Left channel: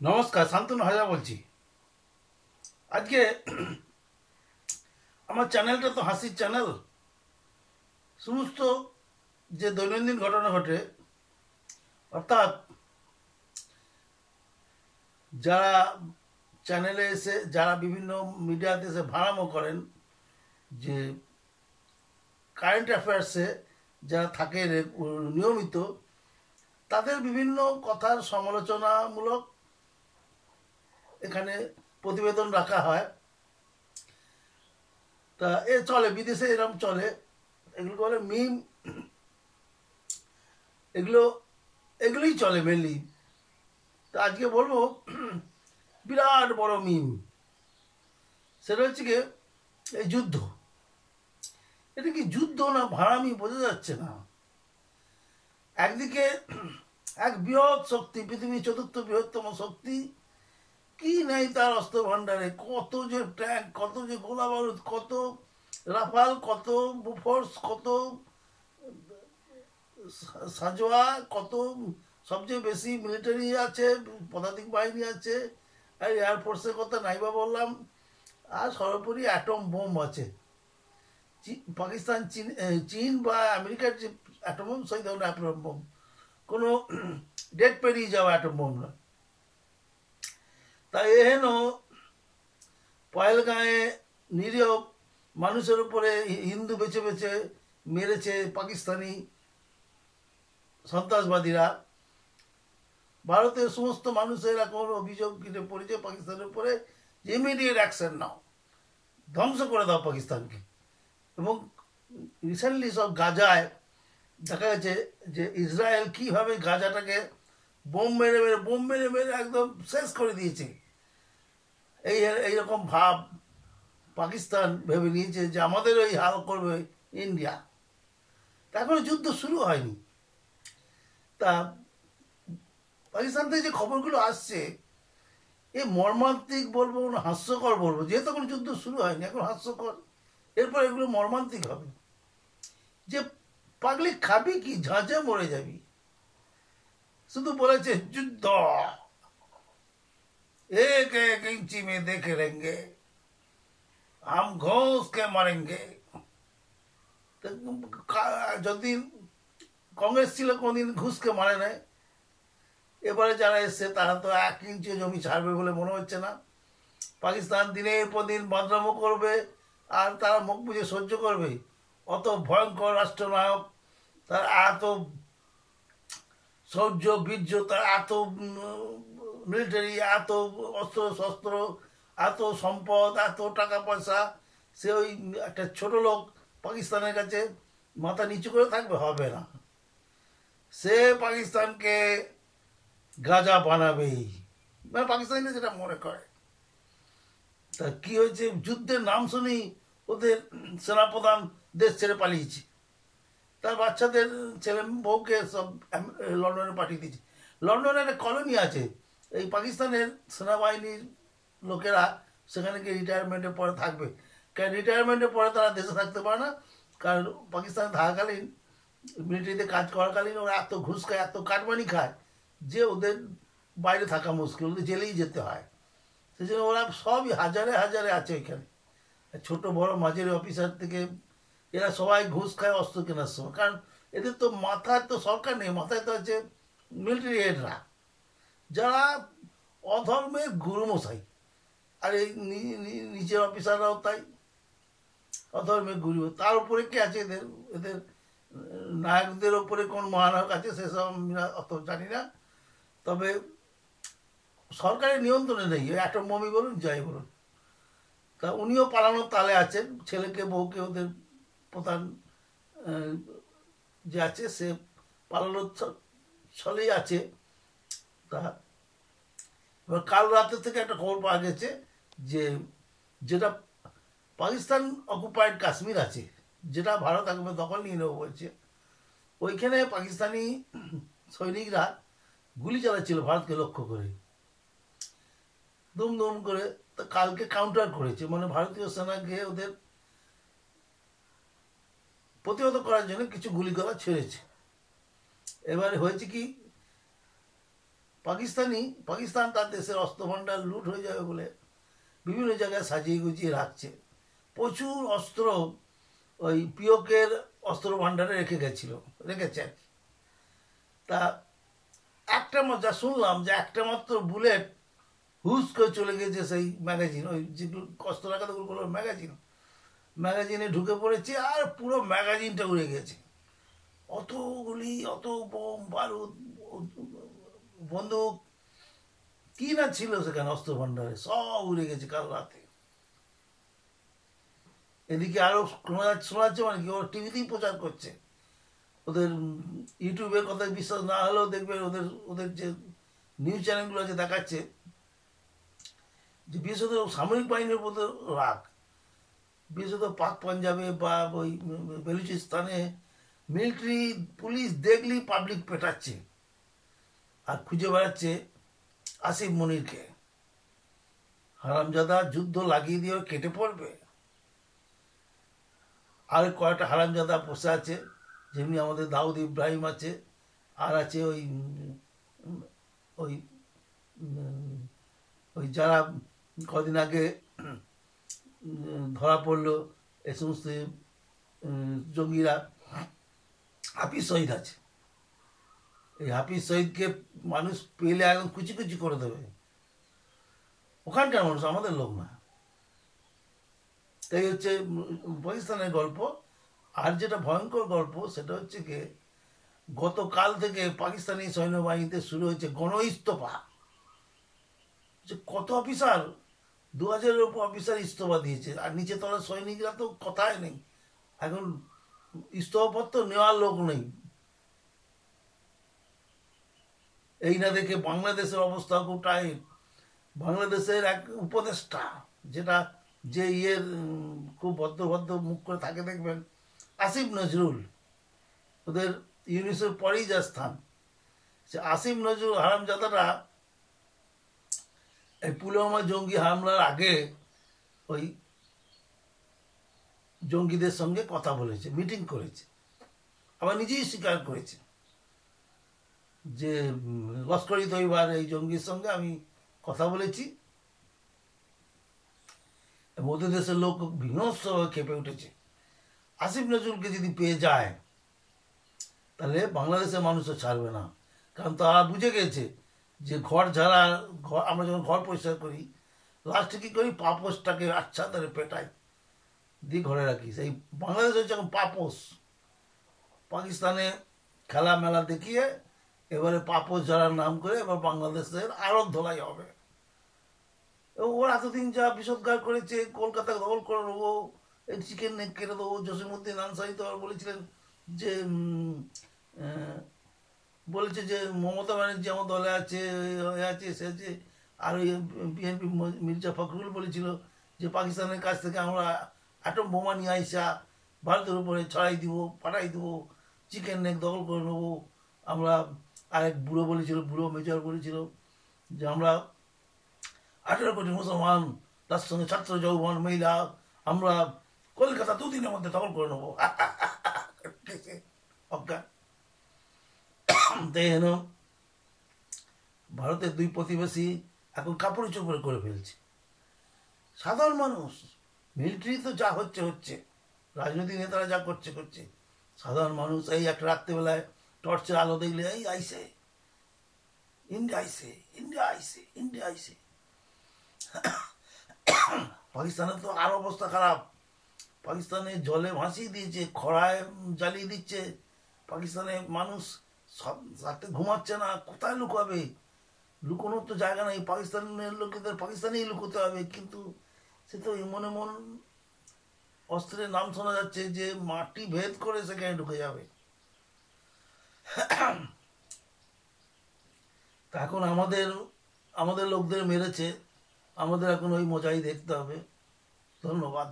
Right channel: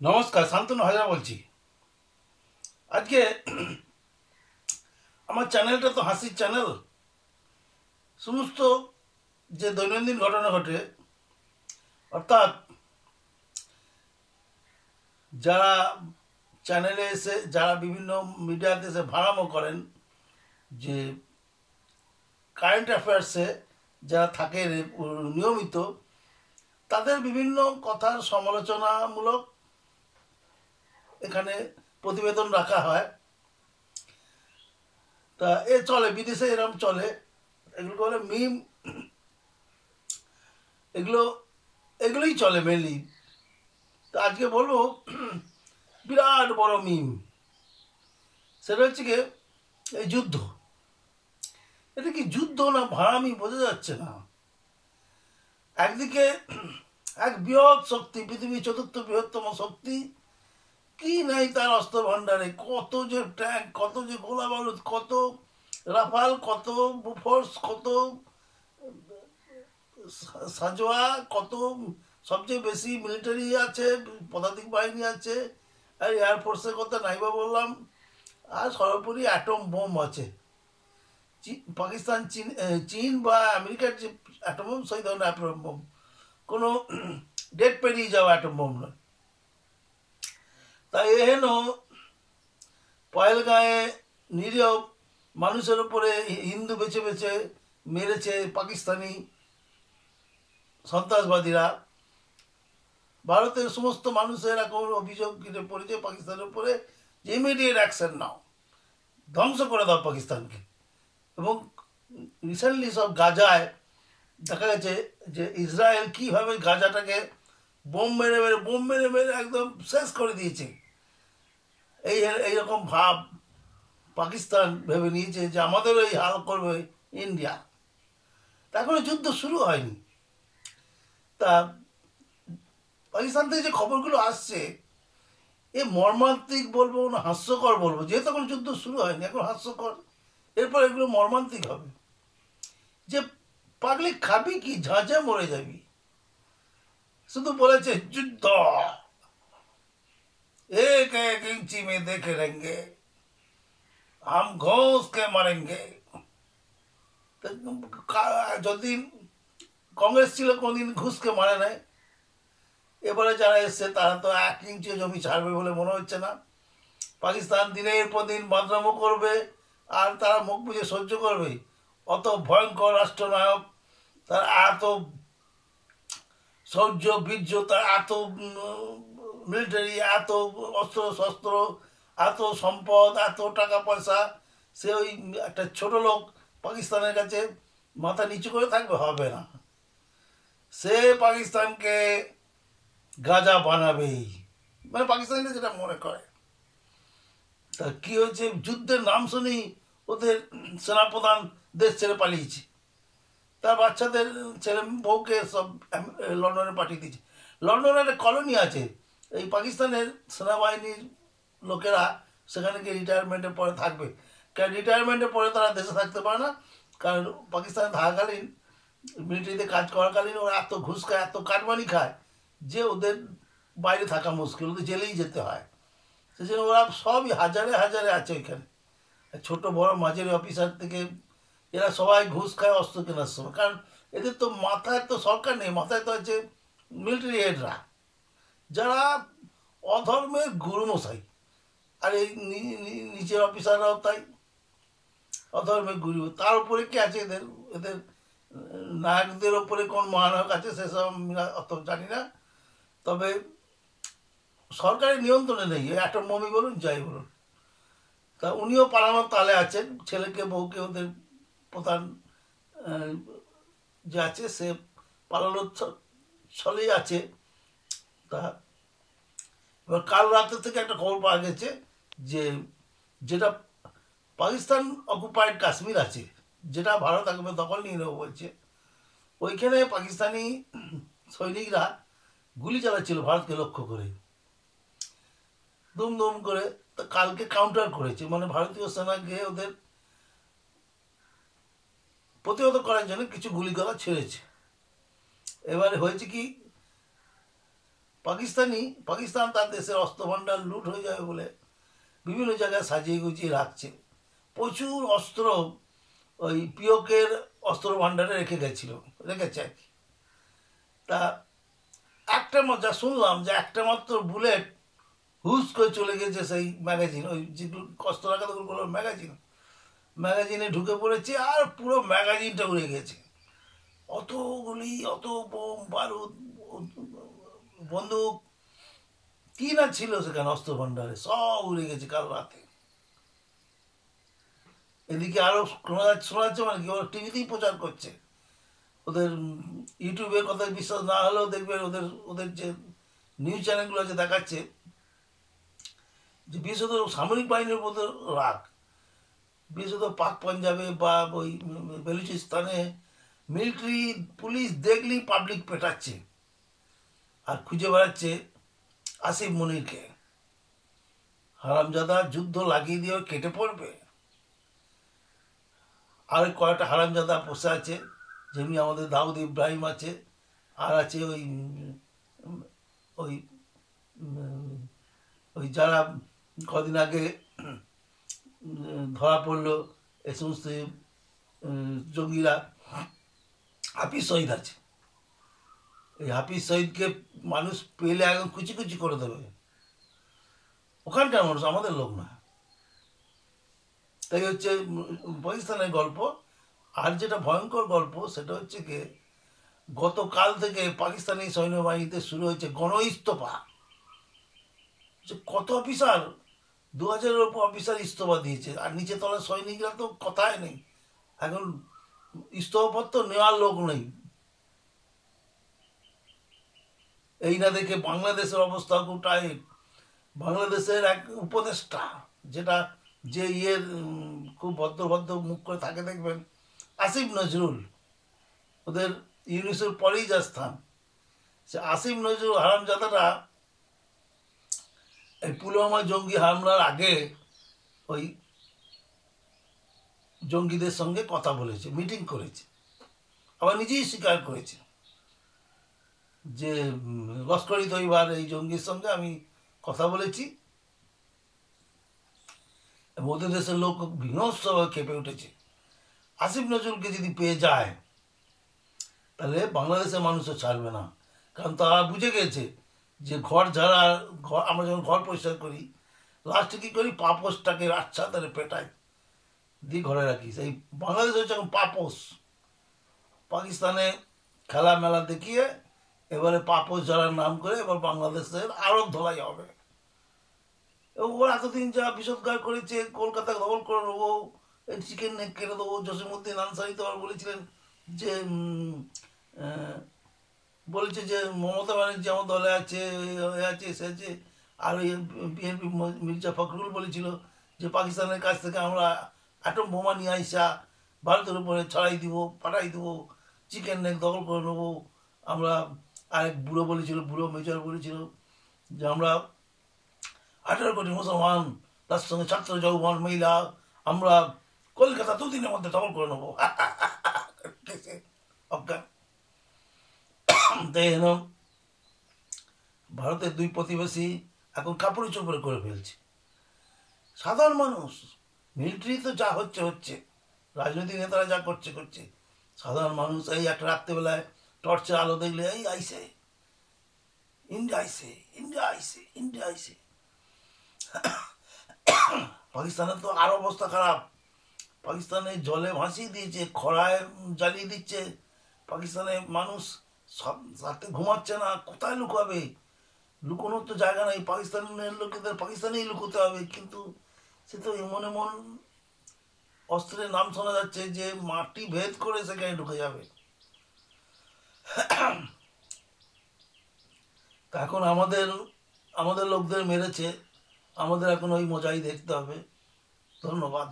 নমস্কার, শান্তনু হাজরা বলছি। আজকে আমার চ্যানেলটা তো হাসির চ্যানেল। সমস্ত যে দৈনন্দিন ঘটনা ঘটে, অর্থাৎ যারা চ্যানেলে এসে, যারা বিভিন্ন মিডিয়াতে এসে ভাড়ামো করেন, যে কারেন্ট অ্যাফেয়ার্সে যারা থাকে নিয়মিত, তাদের বিভিন্ন কথার সমালোচনামূলক এখানে প্রতিবেদন রাখা হয়। তা চলে, বিদেশে এরকম চলে, এগুলো বলে মিম। এগুলো এগুলোই চলে মেনলি। তা আজকে বলবো বিরাট বড় মিম। সেটা হচ্ছে কি, এই যুদ্ধ। এটা কি যুদ্ধ না ভাড়ামি বোঝা যাচ্ছে না। একদিকে এক বৃহৎ শক্তি, পৃথিবীর চতুর্থ বৃহত্তম শক্তি, কি নেই তার অস্ত্র ভাণ্ডারে, কত যে ট্যাঙ্ক, কত যে গোলা বারুদ, কত রাফাল, কত বুফোর্স, কত সাজোয়া, কত সবচেয়ে বেশি মিলিটারি আছে, পদাতিক বাহিনী আছে, আর এয়ারফোর্সের কথা নাইবা বললাম, আর সর্বোপরি অ্যাটম বোম আছে। পাকিস্তান, চীন বা আমেরিকার যে অ্যাটম বোম, সেই ধরনের অ্যাটম বোম, কোনো ডেট পেরিয়ে যাওয়া অ্যাটম বোম নয়। তাই এহেন পয়েলগাঁয়ে নিরীহ মানুষের উপরে হিন্দু বেছে বেছে মেরেছে পাকিস্তানি সন্ত্রাসবাদীরা। ভারতের সমস্ত মানুষের এখন অভিযোগ পড়েছে পাকিস্তানের উপরে যে ইমিডিয়েট অ্যাকশন নাও, ধ্বংস করে দাও পাকিস্তানকে। এবং রিসেন্টলি সব গাজায় দেখা গেছে যে ইসরায়েল কীভাবে গাজাটাকে বোম মেরে মেরে একদম শেষ করে দিয়েছে। এইরকম ভাব পাকিস্তান ভেবে নিয়েছে যে আমাদের ওই হাল করবে ইন্ডিয়া। তা এখনো যুদ্ধ শুরু হয়নি। তা পাকিস্তান থেকে যে খবরগুলো আসছে, এ মর্মান্তিক বলবো না হাস্যকর বলবো, যেহেতু এখন যুদ্ধ শুরু হয়নি, এখন হাস্যকর, এরপর এগুলো মর্মান্তিক হবে। যে পাগলি খাবি কি, ঝাঁঝে মরে যাবি। শুধু বলেছে যুদ্ধ, एक एक इंची में देखे रहेंगे, हम घोंस के मरेंगे। যদি কংগ্রেস ছিল কোনদিন ঘুষকে মারে নাই, এবারে যারা এসছে তারা তো 1 ইঞ্চি জমি ছাড়বে বলে মনে হচ্ছে না। পাকিস্তান দিনের পর দিন বদনামও করবে, আর তারা মুখ বুঝে সহ্য করবে। অত ভয়ঙ্কর রাষ্ট্রনায়ক, তার এত শৌর্য বীর্য, তার এত মিলিটারি, এত অস্ত্র শস্ত্র, এত সম্পদ, এত টাকা পয়সা, সে ওই একটা ছোট লোক পাকিস্তানের কাছে মাথা নিচু করে থাকবে? হবে না। সে পাকিস্তানকে গাজা বানাবেই, মানে পাকিস্তানিরা যেটা মনে করে। তা কি হয়েছে, যুদ্ধের নাম শুনি ওদের সেনাপ্রধান দেশ ছেড়ে পালিয়েছে, তার বাচ্চাদের ছেলে বউকে সব লন্ডনে পাঠিয়ে দিয়েছে। লন্ডনে একটা কলোনি আছে, এই পাকিস্তানের সেনাবাহিনীর লোকেরা সেখানে গিয়ে রিটায়ারমেন্টের পরে থাকবে। কারণ রিটায়ারমেন্টের পরে তারা দেশে থাকতে পারে না, কারণ পাকিস্তানে থাকাকালীন, মিলিটারিতে কাজ করাকালীন ওরা এত ঘুষ খায়, এত কাটমানি খায়, যে ওদের বাইরে থাকা মুশকিল, ওদের জেলেই যেতে হয়। সেই জন্য ওরা সবই হাজারে হাজারে আছে ওইখানে, ছোট বড় মাঝারি অফিসার থেকে এরা সবাই ঘুষ খায় অস্ত্র কেনার সময়। কারণ এদের তো মাথায় তো সরকার নেই, মাথায় তো আছে মিলিটারি হেডরা, যারা অধর্মের গুরুমশাই। আর এই নিচের অফিসাররাও তাই অধর্মের গুরু। তার উপরে কি আছে এদের, এদের নায়কদের ওপরে কোন মহানায়ক আছে সেসব আমরা অত জানি না। তবে সরকারের নিয়ন্ত্রণে নেই, অ্যাটম বোমই বলুন যাই বলুন। তা উনিও পালানোর তালে আছেন, ছেলেকে বউকে ওদের প্রধান যে আছে সে পালানোর ছলেই আছে। তা এবার কাল রাতে থেকে একটা খবর পাওয়া গেছে যে যেটা পাকিস্তান অকুপায়েড কাশ্মীর আছে, যেটা ভারত একবার দখল নিয়ে নেবো বলছে, ওইখানে পাকিস্তানি সৈনিকরা গুলি চালাচ্ছিল ভারতকে লক্ষ্য করে, দুম দুম করে। তা কালকে কাউন্টার করেছে, মানে ভারতীয় সেনা গিয়ে ওদের প্রতিহত করার জন্য কিছু গুলিগোলা ছেড়েছে। এবারে হয়েছে কি, পাকিস্তান তার দেশের অস্ত্র ভাণ্ডার লুট হয়ে যাবে বলে বিভিন্ন জায়গায় সাজিয়ে গুছিয়ে রাখছে। প্রচুর অস্ত্র ওই পিওকের অস্ত্র ভাণ্ডারে রেখেছে আর কি। তা যা শুনলাম যে একটা মাত্র বুলেট হুস করে চলে গেছে সেই ম্যাগাজিন, ওই যেগুলো অস্ত্র রাখা ওগুলো ম্যাগাজিনে ঢুকে পড়েছে আর পুরো ম্যাগাজিনটা উড়ে গেছে। অতগুলি অত বোম বারুদ বন্দুক কি না ছিল সেখানে অস্ত্র ভাণ্ডারে, সব উড়ে গেছে কাল রাতে। এদিকে আরো শোনা যাচ্ছে মানে কি, ওরা টিভিতেই প্রচার করছে, ওদের ইউটিউবের কথা বিশ্বাস না হলেও দেখবেন ওদের যে নিউজ চ্যানেলগুলো আছে দেখাচ্ছে যে বিশেষত সামরিক বাহিনীর উপর রাগ, বিশেষত পাক পাঞ্জাবে বা ওই বেলুচিস্তানে মিলিটারি পুলিশ দেখলেই পাবলিক পেটাচ্ছে আর খুঁজে বেড়াচ্ছে আসিফ মনিরকে। হারামজাদা যুদ্ধ লাগিয়ে দিয়ে কেটে পড়বে। আর কয়েকটা হারামজাদা বসে আছে, যেমনি আমাদের দাউদ ইব্রাহিম আছে, আর আছে ওই ওই ওই যারা কদিন আগে ধরা পড়লো এ সমস্ত জঙ্গিরা, হাফিজ শহীদ আছে। এই হাফিজ শহীদকে মানুষ পেলে একদম কুচি কুচি করে দেবে। ওখানকার মানুষ, আমাদের লোক না। তাই হচ্ছে পাকিস্তানের গল্প। আর যেটা ভয়ঙ্কর গল্প সেটা হচ্ছে কি, গতকাল থেকে পাকিস্তানি সৈন্যবাহিনীতে শুরু হয়েছে গণইস্তফা। যে কত অফিসার, 2000-এর ওপর অফিসার ইস্তফা দিয়েছে। আর নিচে তলার সৈনিকরা তো কথাই নেই, এখন ইস্তফাপত্র নেওয়ার লোক নেই। এই না দেখে বাংলাদেশের অবস্থা খুব টাইট। বাংলাদেশের এক উপদেষ্টা, যে খুব ভদ্র মুখ করে থাকে দেখবেন, আসিফ নজরুল, ওদের ইউনিসের পরেই যা স্থান, সে আসিফ নজরুল হারামজাদাটা এই পুলওয়ামা জঙ্গি হামলার আগে ওই জঙ্গিদের সঙ্গে কথা বলেছে, মিটিং করেছে, আবার নিজেই স্বীকার করেছে যে লস্কর ই তৈবার এই জঙ্গির সঙ্গে আমি কথা বলেছি। ওদের দেশের লোক বিনষ্টভাবে খেপে উঠেছে। আসিফ নজরুলকে যদি পেয়ে যায় তাহলে বাংলাদেশের মানুষও ছাড়বে না, কারণ তারা বুঝে গেছে যে আমরা যখন ঘর পরিষ্কার করি, লাস্টে কী করি, পাপোসটাকে আচ্ছা তাহলে পেটাই দিয়ে ঘরে রাখি। সেই বাংলাদেশ হচ্ছে এখন পাপোস। পাকিস্তানে খেলা মেলা দেখিয়ে এবারে পাপোস যারা নাম করে এবার বাংলাদেশের আরও ধোলাই হবে। এবং ওরা এতদিন যা বিষোদ্গার করেছে, কলকাতা দখল করে নেবো, এই চিকেন নেক কেটে দেবো। জসিমউদ্দিন আনসারি তো আর বলেছিলেন যে মমতা ব্যানার্জি আমার দলে আছে, সে আছে। আর ওই বিএনপি মির্জা ফখরুল বলেছিল যে পাকিস্তানের কাছ থেকে আমরা অ্যাটম বোমা নিয়ে আইসা ভারতের উপরে ছড়াই দিব, পাঠাই দেবো, চিকেন নেক দখল করে নেবো আমরা। আরেক বুড়ো মেজর বলেছিল যে আমরা 18 কোটি মুসলমান, তার সঙ্গে ছাত্র যৌবন মহিলা, আমরা কলকাতা 2 দিনের মধ্যে দখল করে নেবো। ভারতের 2 প্রতিবেশী এখন কাপড়ে চোপড়ে করে ফেলছে। সাধারণ মানুষ, মিলিটারি তো যা হচ্ছে, রাজনৈতিক নেতারা যা করছে, সাধারণ মানুষ এই একটা রাত্রেবেলায় টর্চের আলো দেখলে এই আইসে ইন্ডিয়া আইসে। পাকিস্তানের তো আরো অবস্থা খারাপ। পাকিস্তানে জলে ভাসিয়ে দিয়েছে, খরায় জ্বালিয়ে দিচ্ছে। পাকিস্তানে মানুষ সব রাতে ঘুমাচ্ছে না, কোথায় লুকাবে? লুকোনোর তো জায়গা নেই। পাকিস্তানের লোকেদের পাকিস্তানেই লুকোতে হবে, কিন্তু সে তো এমন অস্ত্রের নাম শোনা যাচ্ছে যে মাটি ভেদ করে সেখানে ঢুকে যাবে। এখন আমাদের লোকদের মেরেছে, আমাদের এখন ওই মজাই দেখতে হবে। ধন্যবাদ।